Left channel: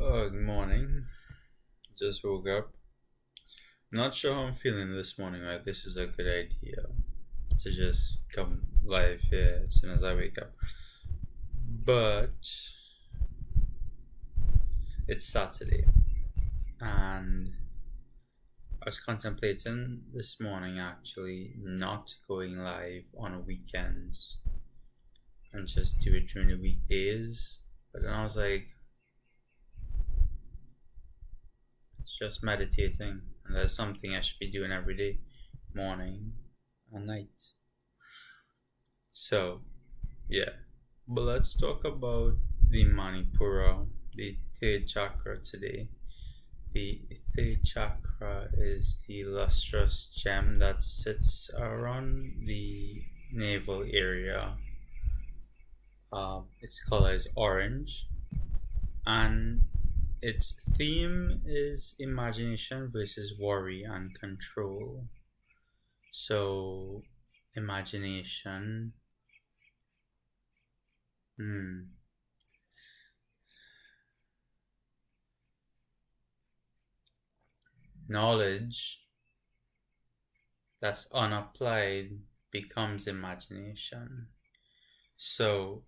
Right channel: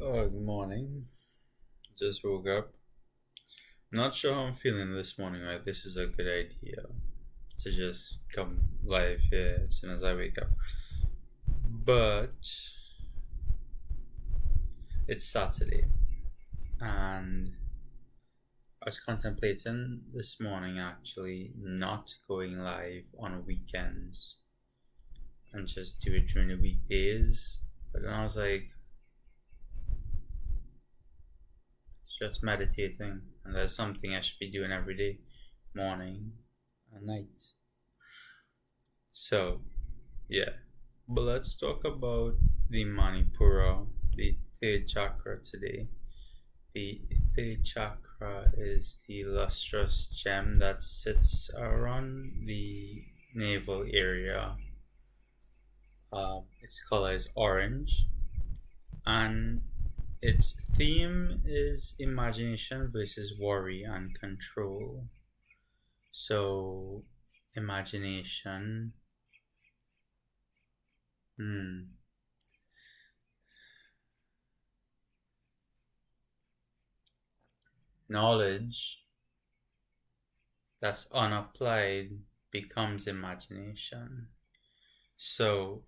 Oh, good morning. Just woke up. Not sure how I'm feeling this morning. Like this is a good idea to just come live here as soon as I wake up. But it's Saturday, and I was contemplating this morning actually not going live on weekends and just do it during the weekdays. But then I was like, it's just meditating, and there's something I should be doing every day, morning and night. So, yeah. But let's talk about the Manipura, the third chakra today. The third chakra is the lustrous gem that sits around the navel area. Its color is orange, and its theme is imagination versus worry and control. So, imagination. Hmm. Knowledge that's unapplied becomes imagination. So,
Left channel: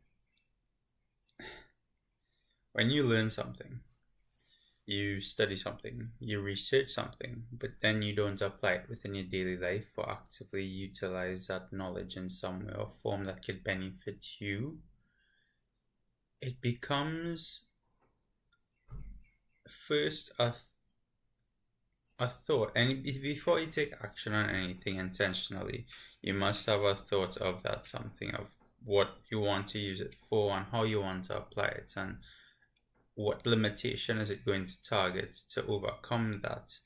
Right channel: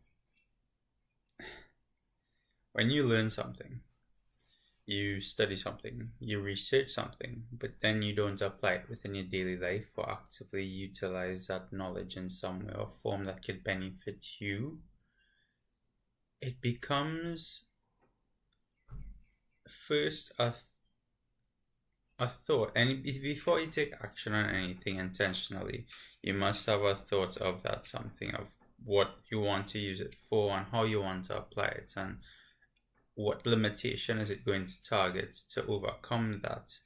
when you learn something, you study something, you research something, but then you don't apply it within your daily life or actively utilize that knowledge in some way or form that could benefit you, it becomes first a thought. And before you take action on anything intentionally, you must have a thought of that something, of what you want to use it for and how you want to apply it, and what limitation is it going to target to overcome that.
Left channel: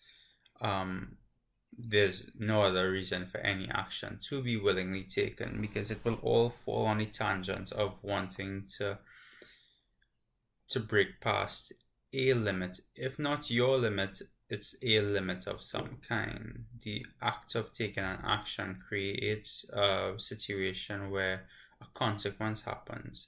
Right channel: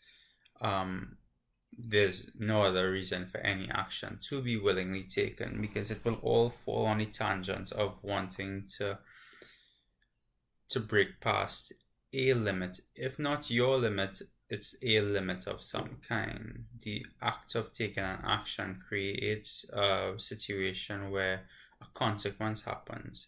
There's no other reason for any action to be willingly taken, because it will all fall on the tangent of wanting to break past a limit. If not your limit, it's a limit of some kind. The act of taking an action creates a situation where a consequence happens.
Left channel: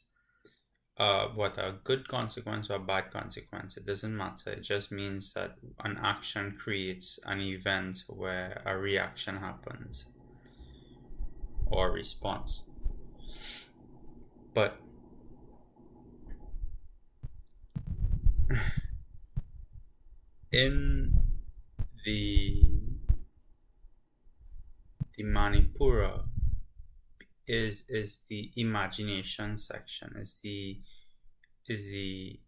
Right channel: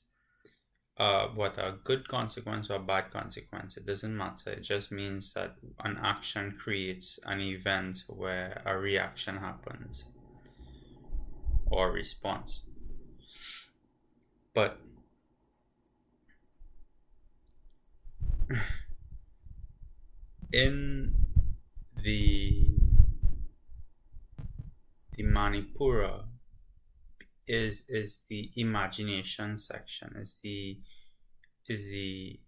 What a good consequence or a bad consequence, it doesn't matter. It just means that an action creates an event where a reaction happens or a response. But in the Manipura is the imagination section, is the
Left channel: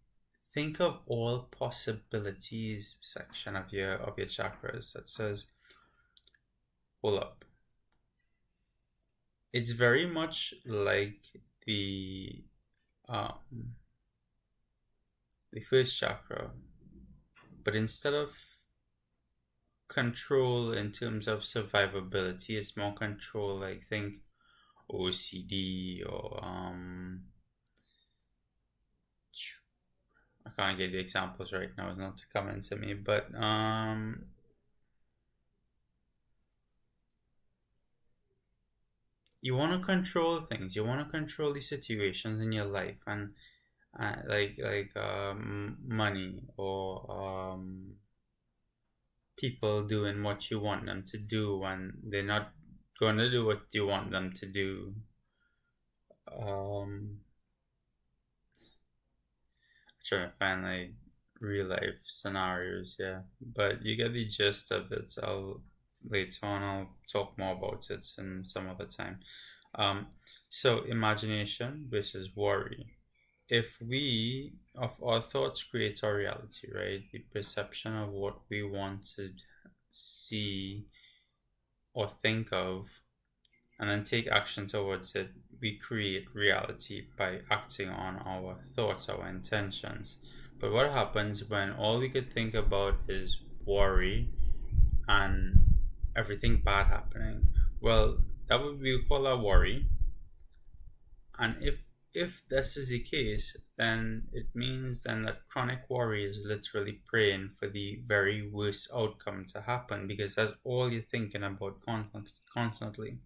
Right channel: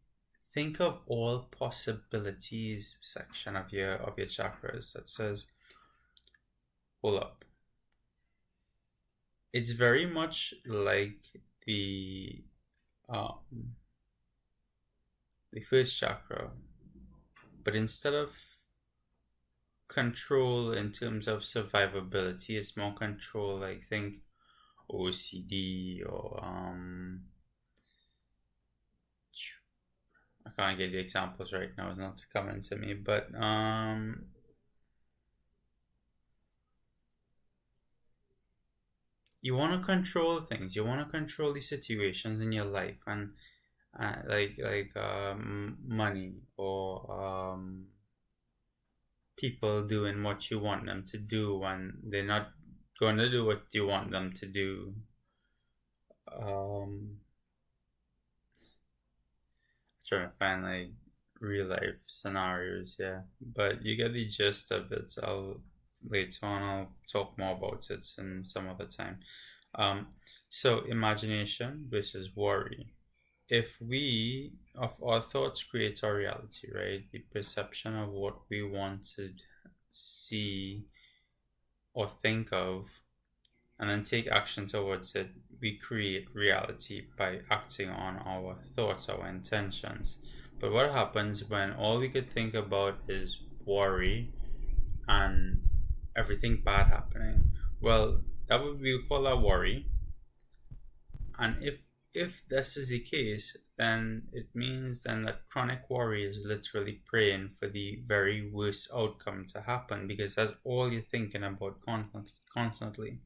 think of all possibilities section of your chakras that says, hold up. It's very much like the um, the first chakra, but instead of control in terms of survivability, it's more control like think OCD or I can't get the examples right now, it's not coming to me, but you want to control things, you want to control the situations in your life, and money or people doing what you want them to do when they're not going to do what you want them to do. Trying to find like real life scenarios, yeah, but you get the gist of it. I'll talk more about it in some other time. um so imagination versus worry. If we of our thoughts create our reality, right? The perception of what we want to see or think of, and then take action towards it, we create reality by acting on our thoughts, our intentions. But what happens when all we could think about is worry and everything bad happening? Well, that would be called a worry. And if this is the case, then it means then that chronic worry is literally praying for the very worst outcome to happen, because that's all you're thinking about constantly.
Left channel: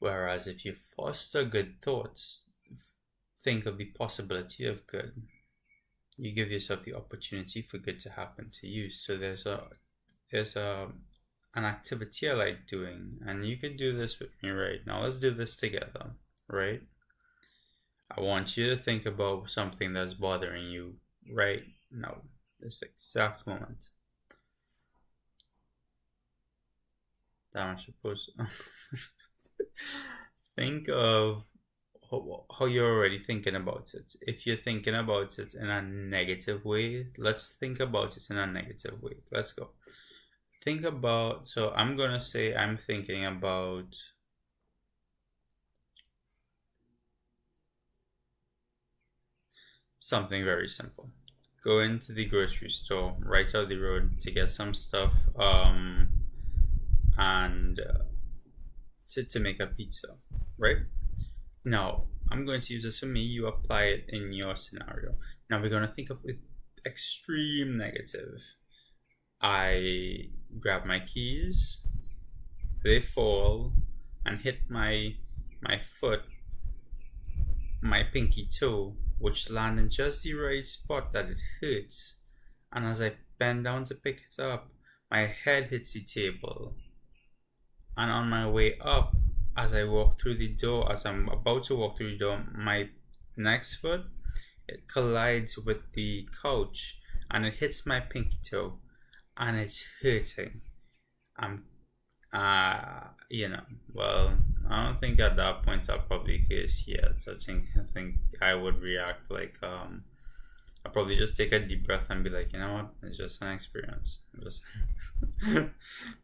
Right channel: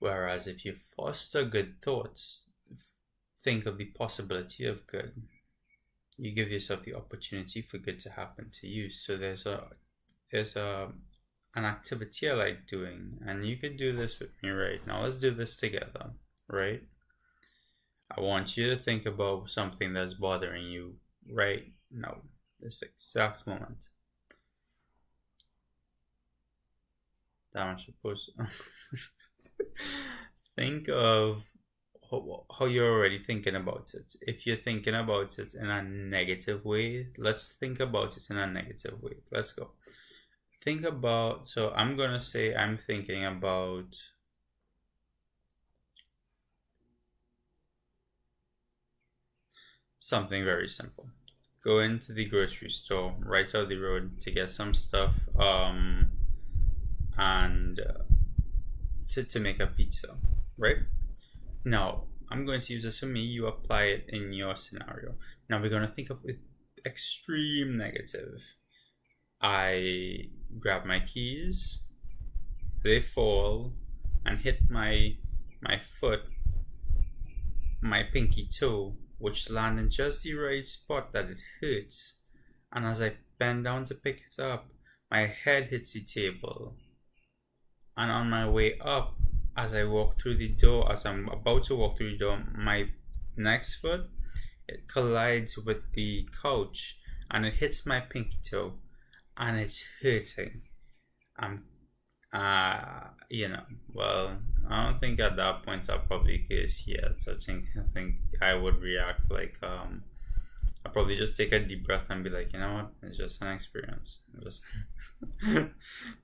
Whereas if you foster good thoughts, think of the possibility of good. You give yourself the opportunity for good to happen to you. So there's an activity I like doing, and you could do this with me right now. Let's do this together, right? I want you to think about something that's bothering you right now, this exact moment. That I'm supposed to think of how you're already thinking about it. If you're thinking about it in a negative way, let's think about it in a negative way. Let's go. Think about, so I'm gonna say I'm thinking about something very simple. Go into the grocery store right out the road to get some stuff, and to make a pizza, right? Now, I'm going to use this for me. You apply it in your scenario. Now, we're going to think of it extreme negative. I grab my keys, they fall and hit my foot, my pinky toe, which land in just the right spot that it hurts. And as I bend down to pick it up, my head hits the table. And on my way up, as I walk through the door, as I'm about to walk through the door, my next foot, it collides with the couch and it hits my pinky toe and it's hurting. I'm, well, I don't think at that point I'll probably case yet. I think I would react like, I'll probably just take a deep breath and be like, you know what, it's just an experience. Just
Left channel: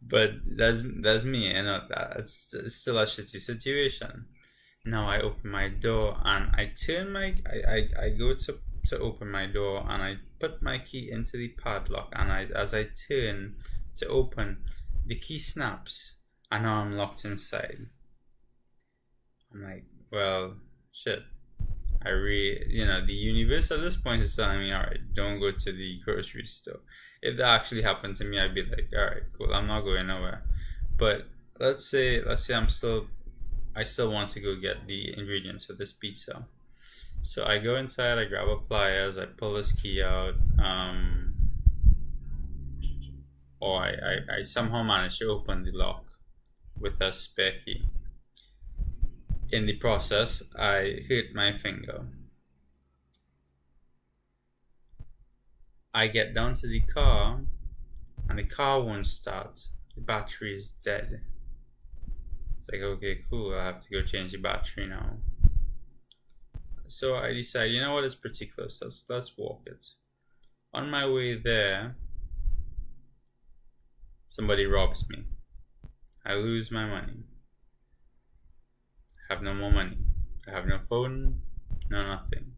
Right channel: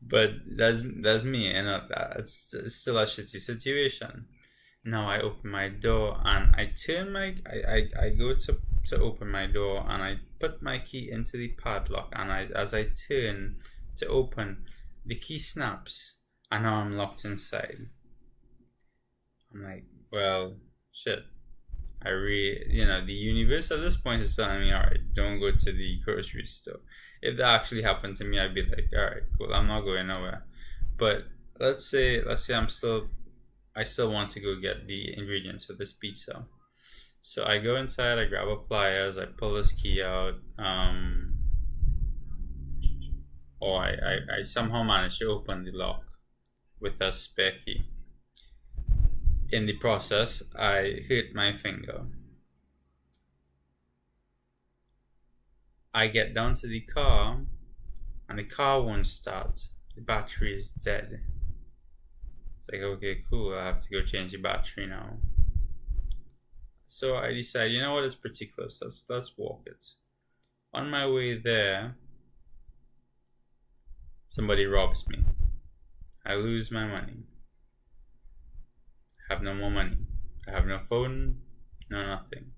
but that's me, that's still a shitty situation. Now I open my door and I turn my I go to open my door and I put my key into the padlock and as I turn to open, the key snaps and now I'm locked inside. I'm like, well, shit. The universe at this point is telling me, all right, don't go to the grocery store. If that actually happened to me, I'd be like, all right, cool, I'm not going nowhere. But let's say I still want to go get the ingredients for this pizza. So I go inside, I grab a pliers, I pull this key out, or I somehow manage to open the lock with a spare key. In the process, I hit my finger. I get down to the car, and the car won't start. The battery is dead. It's like, okay, cool, I have to go change the battery now. So I decide, you know what, it's pretty close. Let's walk it. On my way there, somebody robs me. I lose my money. I have no more money. I have no phone, no nothing.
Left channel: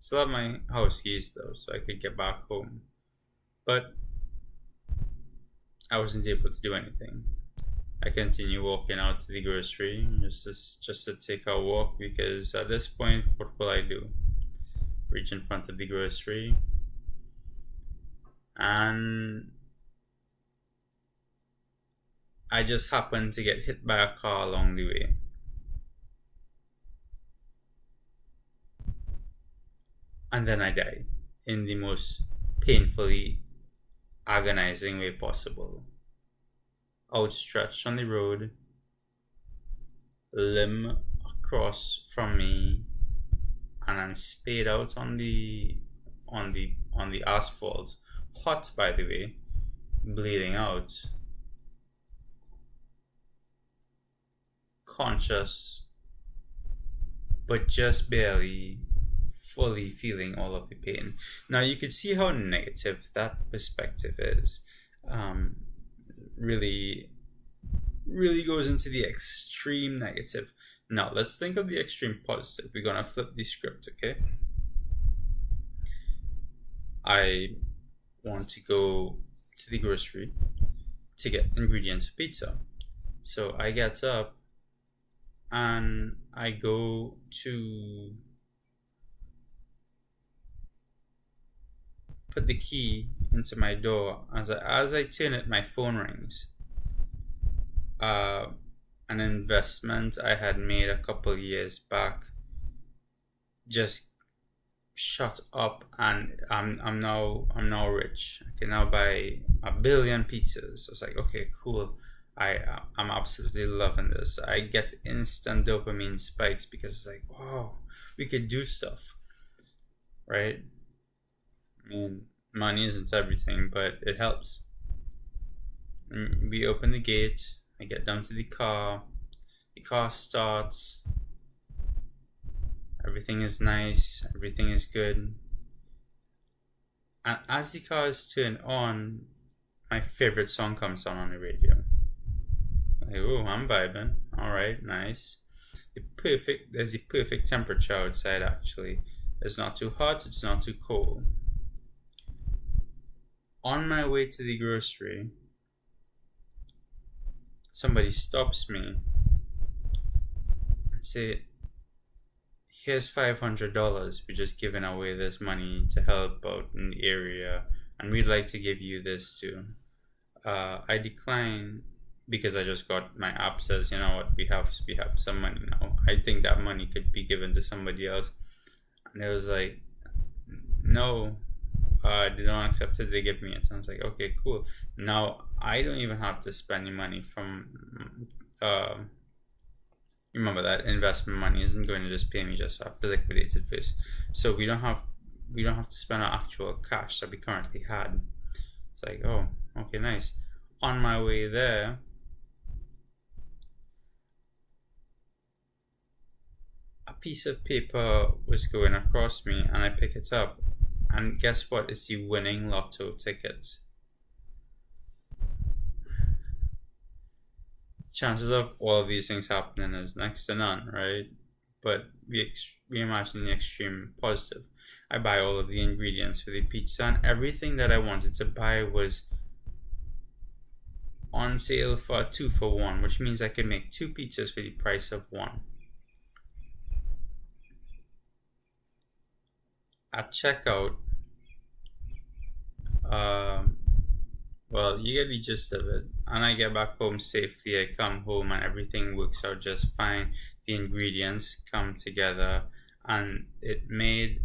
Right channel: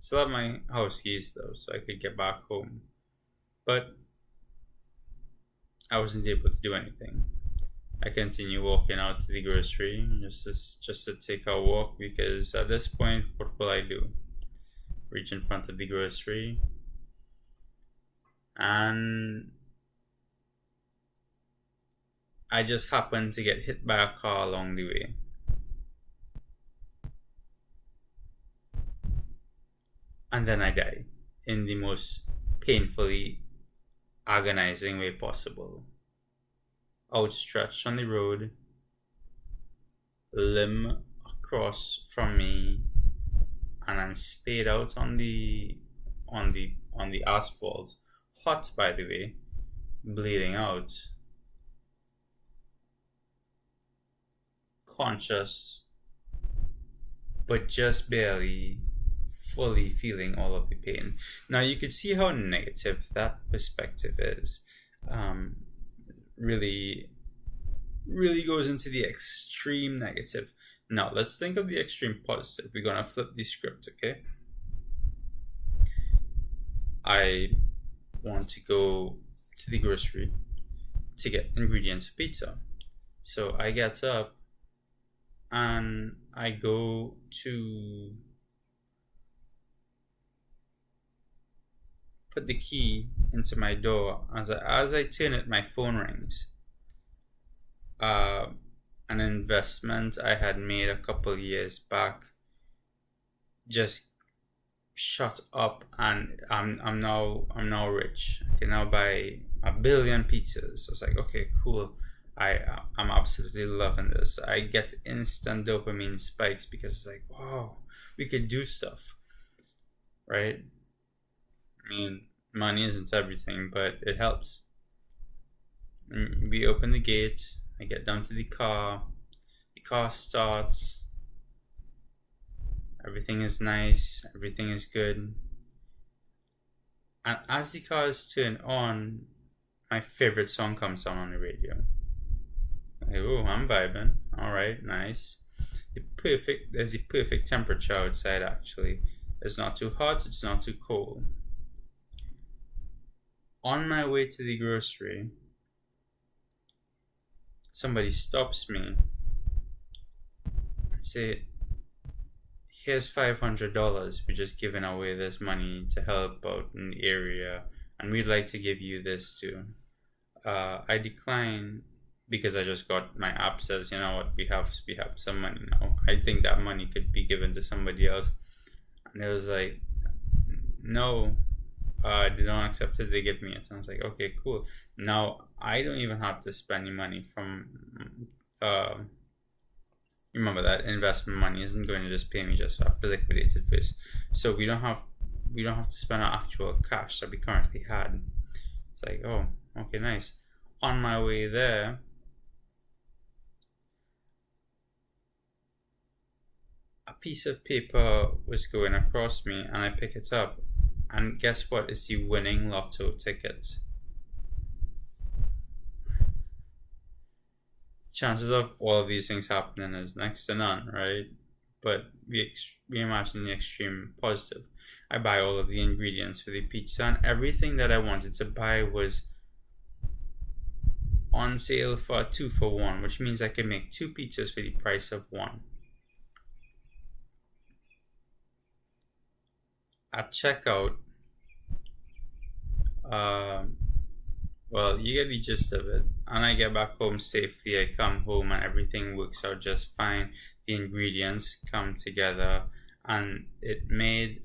Still have my house keys though, so I could get back home. But I wasn't able to do anything. I continue walking out to the grocery just to take a walk, because at this point, what will I do? Reach in front of the grocery and I just happened to get hit by a car along the way. And then I die in the most painfully agonizing way possible. Outstretched on the road, limb across from me, and I'm spayed out on the asphalt, hot by the way, bleeding out, conscious, but just barely fully feeling all of the pain. Now you could see how negative that perspective is. Really goes into the extreme negative. Now let's think of the extreme positive. We're gonna flip the script, okay? I want to go to the grocery to get ingredients for pizza. So I get up and I go to put the key into my door. As I turn it, my phone rings. An investment I had made a couple years back just shot up, and I'm now rich. I can now buy 1 billion pizzas. So I was like, okay, cool. I'm absolutely loving this. I get instant dopamine spikes because it's like, wow, we could do stuff, right? I mean, money isn't everything, but it helps. We open the gate. I get down to the car. The car starts. Everything is nice. Everything is good. And as the car is turned on, my favorite song comes on the radio. Like, oh, I'm vibing. All right, nice. There's the perfect temperature outside. Actually, it's not too hot. It's not too cold. On my way to the grocery, somebody stops me and say, "Here's $500. We're just giving away this money to help out in the area, and we'd like to give you this too." I decline because I just got my app says, you know what, we have some money now. I think that money could be given to somebody else, and it was like, no, they don't accept it. They give me it. And I was like, okay, cool. Now I don't even have to spend any money from. Remember that investment money isn't going to just pay me just after liquidated first. So we don't have to spend our actual cash that we currently had. It's like, oh, okay, nice. On my way there, a piece of paper was going across me, and I pick it up, and guess what? It's the winning lotto ticket. Chances of all of these things happening is next to none, right? But we imagine the extreme positive. I buy all of the ingredients for the pizza, and everything that I wanted to buy was on sale for 2 for 1, which means I can make 2 pizzas for the price of one. At checkout, well, you get the gist of it. And I get back home safely. I come home and everything works out just fine. The ingredients come together, and the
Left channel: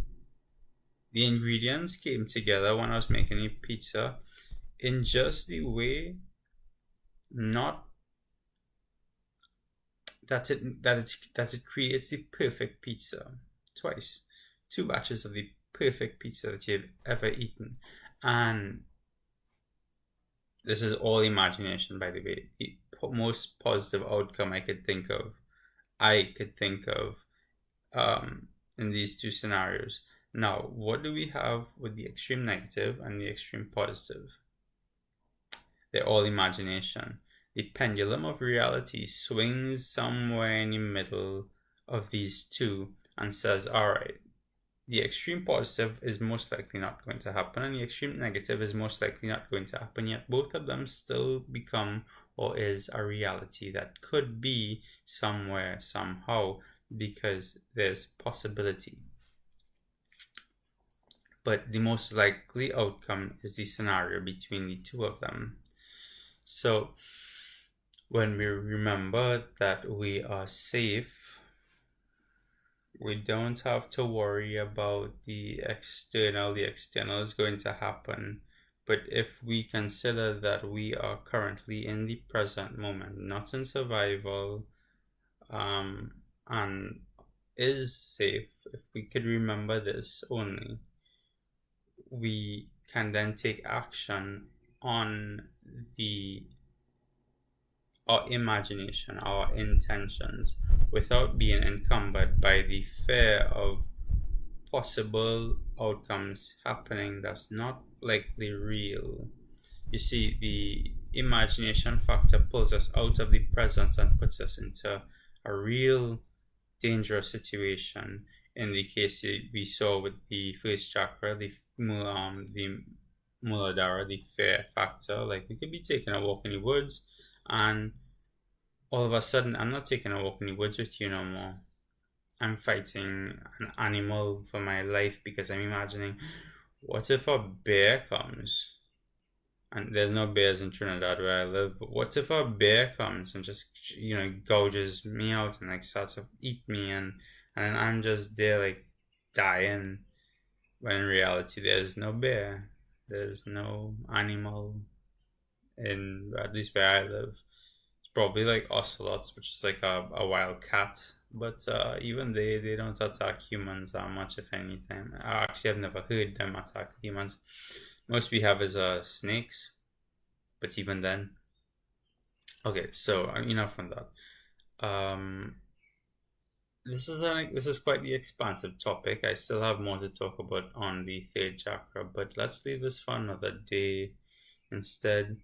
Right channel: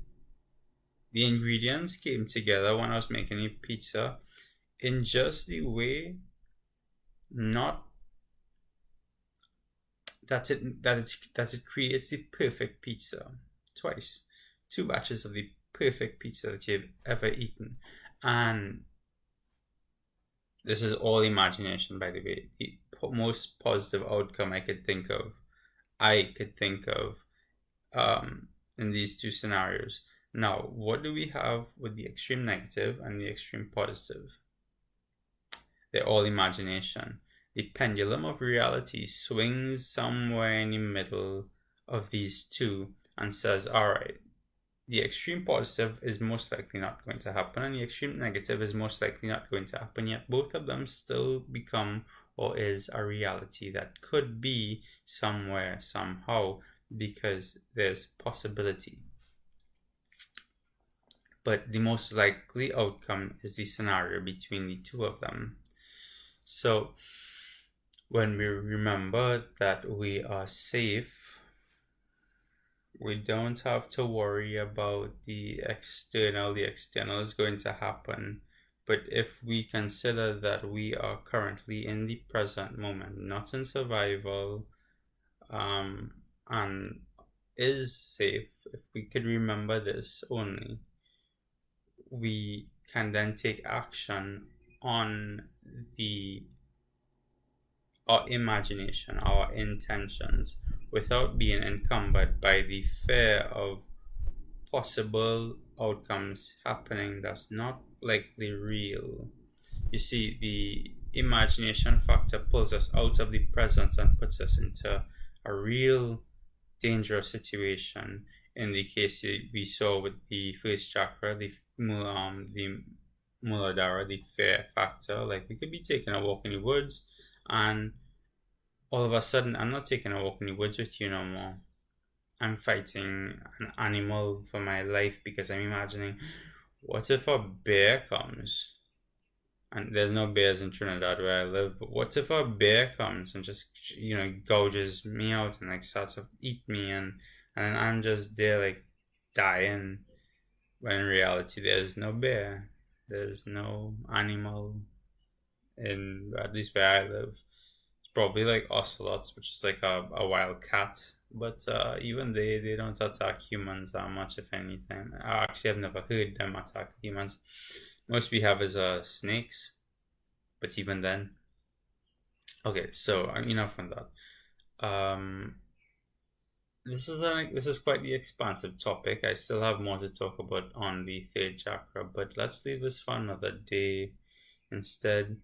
ingredients came together when I was making a pizza in just the way, not that it creates the perfect pizza twice. 2 batches of the perfect pizza that you've ever eaten. And this is all imagination, by the way. The most positive outcome I could think of in these two scenarios. Now, what do we have with the extreme negative and the extreme positive? They're all imagination. The pendulum of reality swings somewhere in the middle of these two and says, all right, the extreme positive is most likely not going to happen, and the extreme negative is most likely not going to happen, yet both of them still become or is a reality that could be somewhere, somehow, because there's possibility. But the most likely outcome is the scenario between the two of them. So when we remember that we are safe, we don't have to worry about the external. The external is going to happen. But if we consider that we are currently in the present moment, not in survival, and is safe, if we could remember this only, we can then take action on our imagination, our intentions, without being encumbered by the fear of possible outcomes happening that's not likely real. You see, the imagination factor pulls us out of the present and puts us into a real dangerous situation. In the case we saw with the first chakra, the Muladhara, the fear factor, like we could be taking a walk in the woods, and all of a sudden, I'm not taking a walk in the woods with you no more. I'm fighting an animal for my life because I'm imagining, what if a bear comes? And there's no bears in Trinidad where I live, but what if a bear comes and just, gouges me out and like starts to eat me, and then I'm just there like, dying, when in reality there's no bear, there's no animal in, at least where I live. It's probably like ocelots, which is like a wild cat. But even they don't attack humans that much, if anything. Actually, I've never heard them attack humans. Most we have is snakes, but even then. Okay, so enough on that. This is quite the expansive topic. I still have more to talk about on the third chakra, but let's leave this for another day instead.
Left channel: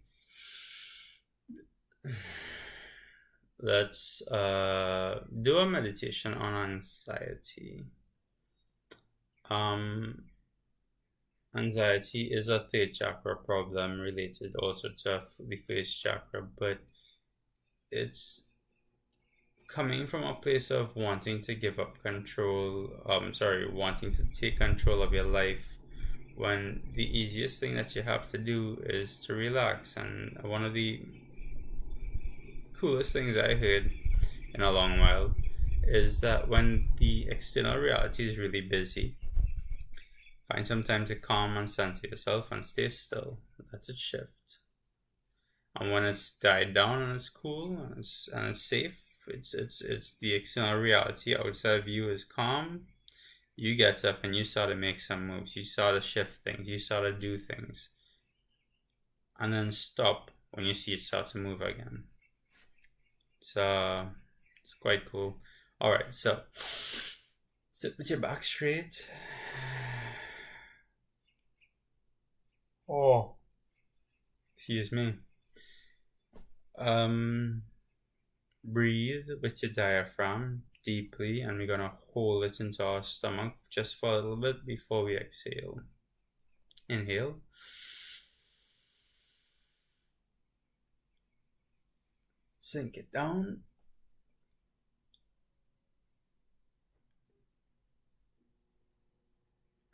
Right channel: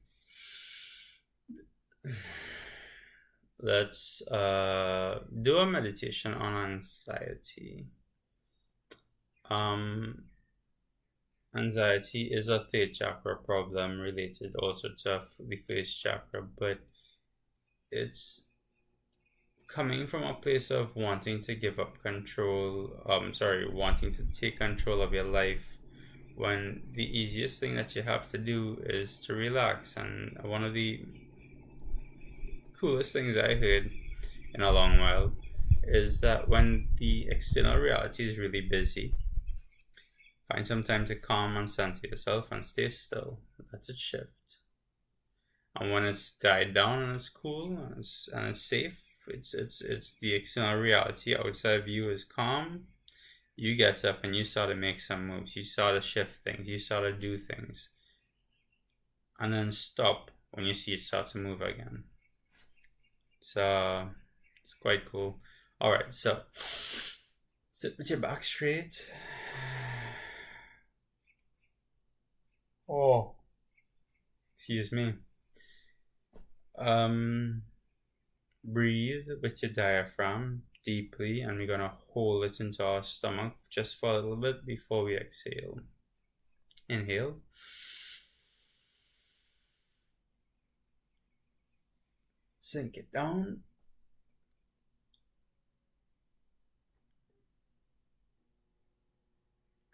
Let's do a meditation on anxiety. Anxiety is a third chakra problem related also to the first chakra, but it's coming from a place of wanting to give up control, wanting to take control of your life, when the easiest thing that you have to do is to relax. And one of the coolest things I heard in a long while is that when the external reality is really busy, find some time to calm and center yourself and stay still. Let it shift. And when it's died down and it's cool and it's safe, it's the external reality outside of you is calm. You get up and you start to make some moves. You start to shift things. You start to do things, and then stop when you see it start to move again. So it's quite cool. All right, so sit with your back straight. Oh, excuse me. Breathe with your diaphragm deeply, and we're gonna hold it into our stomach just for a little bit before we exhale. Inhale. Sink it down.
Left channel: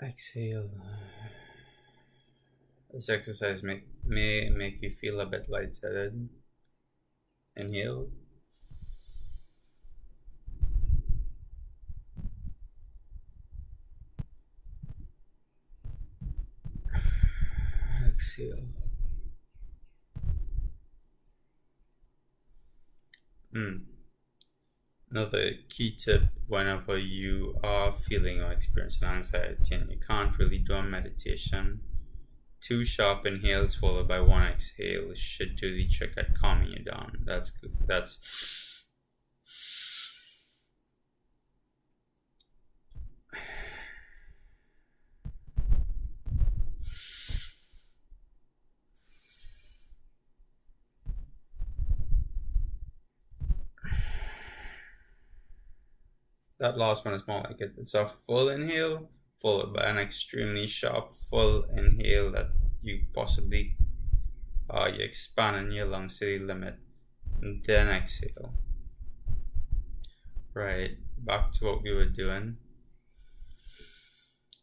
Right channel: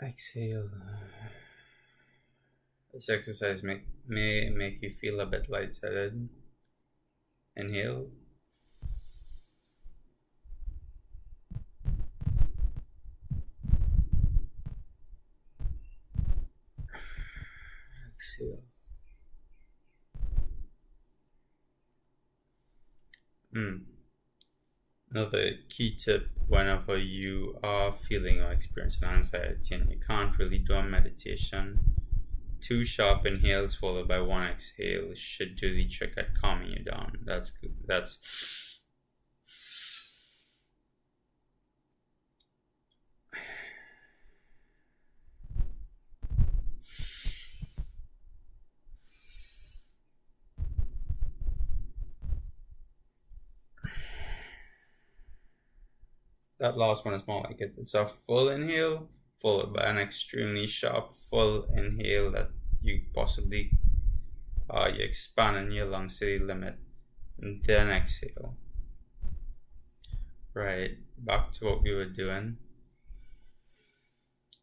Exhale. This exercise may make you feel a bit lightheaded. Inhale. Exhale. Another key tip whenever you are feeling or experiencing anxiety and you can't really do a meditation, 2 sharp inhales followed by 1 exhale should do the trick at calming you down. That's good. That last one is more like it. It's a full inhale followed by an extremely sharp full inhale that you possibly you expand in your lungs to the limit, and then exhale. Right, back to what we were doing.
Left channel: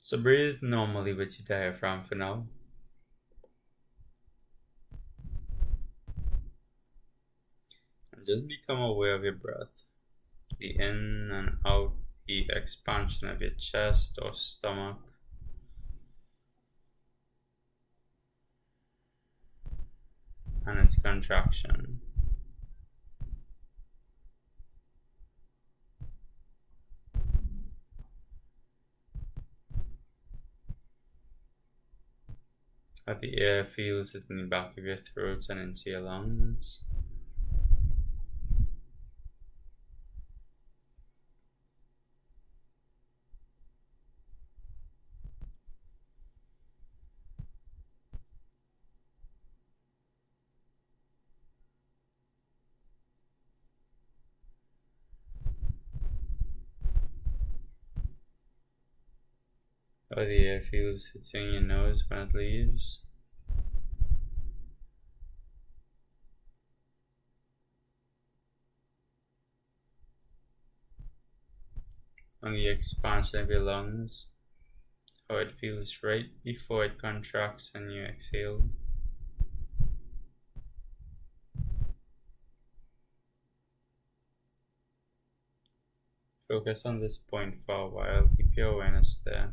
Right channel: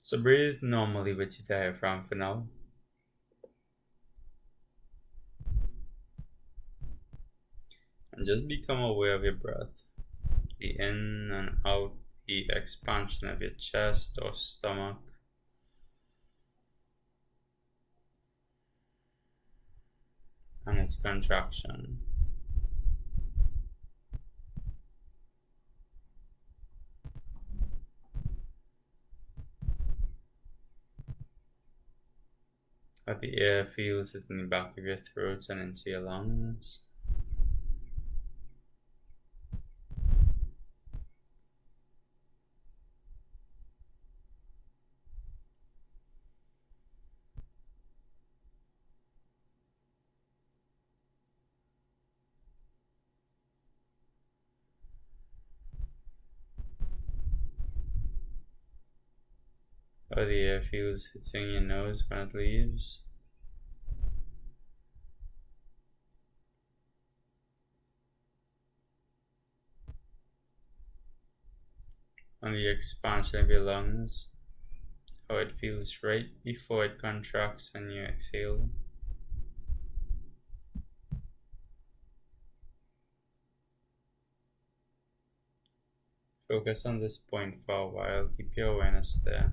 So breathe normally with your diaphragm for now. And just become aware of your breath. The in and out, the expansion of your chest or stomach. And its contraction. How the air feels it in the back of your throat and into your lungs. How the air feels hitting your nose when it leaves. And the expansion of your lungs. How it feels right before it contracts and you exhale. Focus on this point for a while. Keep your awareness there.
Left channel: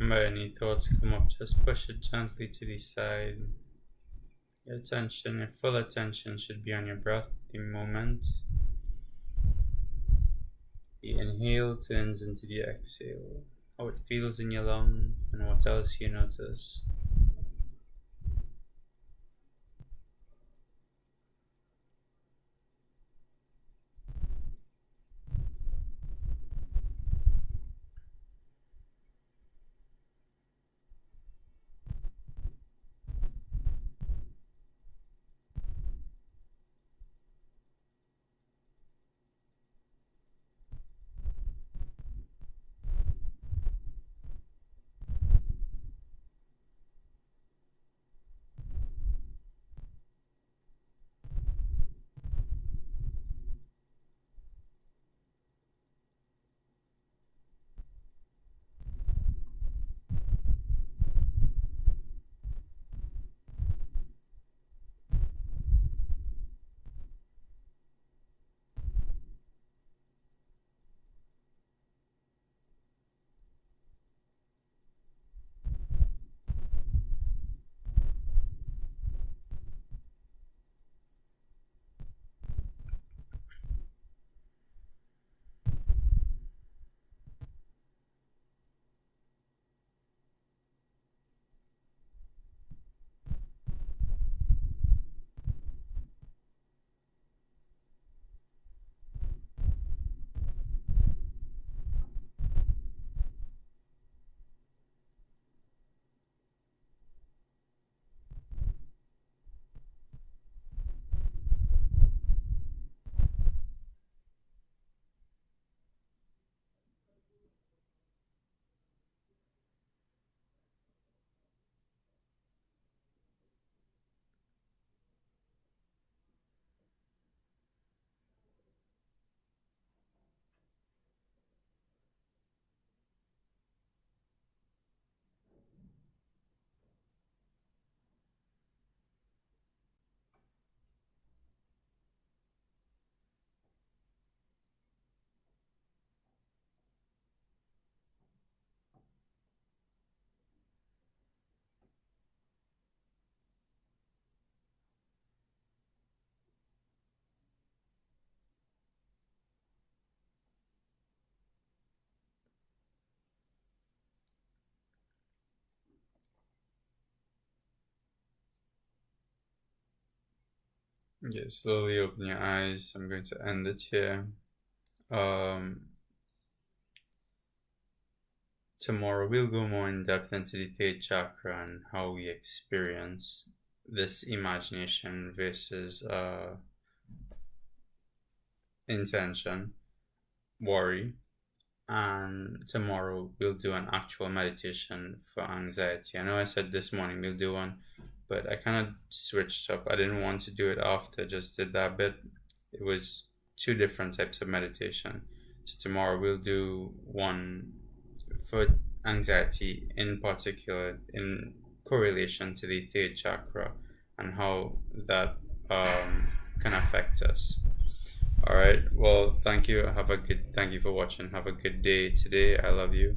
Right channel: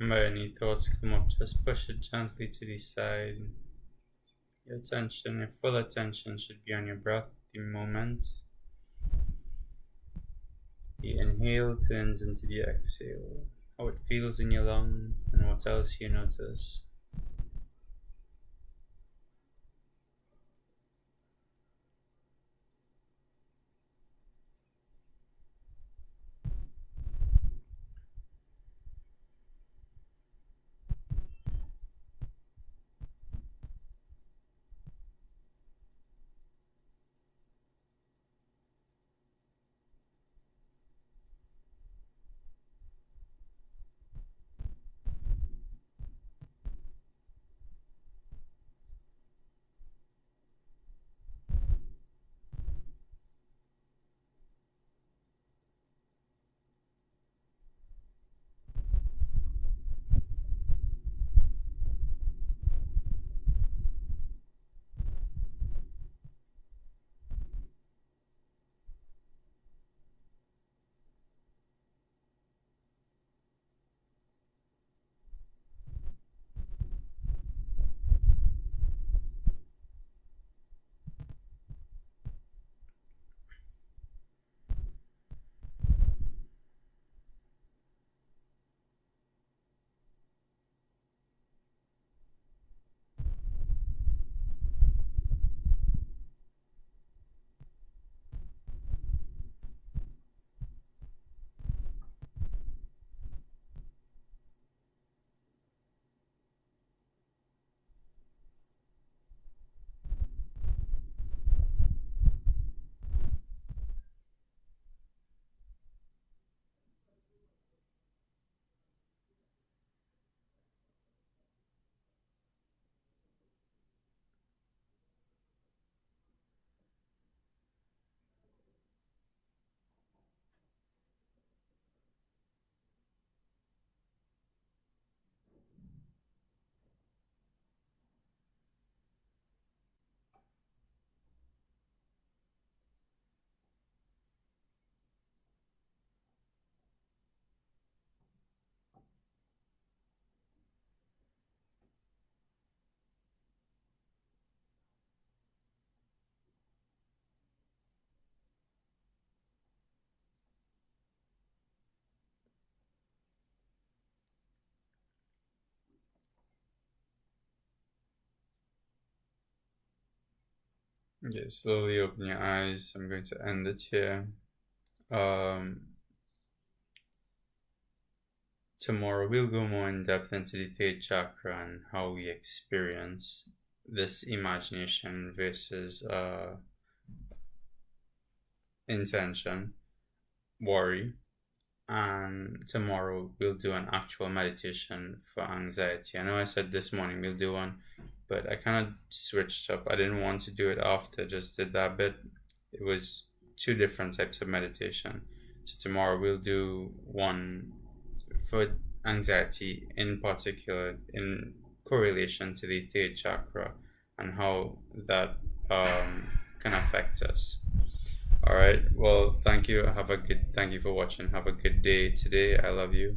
Remember, any thoughts come up, just push it gently to the side. Your full attention should be on your breath, the moment the inhale turns into the exhale, how it feels in your lung, and what else you notice. Okay, slowly open your eyes. I'm going to end it here. Um, Tomorrow we'll go more in depth into the third chakra and how we experience this imagination versus intention, worry. And tomorrow we'll do an actual meditation for anxiety. I know I said this morning we'll do one, but I kind of switched up. I didn't want to do it after, just did that bit. It was two different types of meditation. So tomorrow we'll do one for anxiety, in particular in correlation to the third chakra and how that can affect us. All right. Well, thank you. Thank you for watching. Have a good day today. I love you.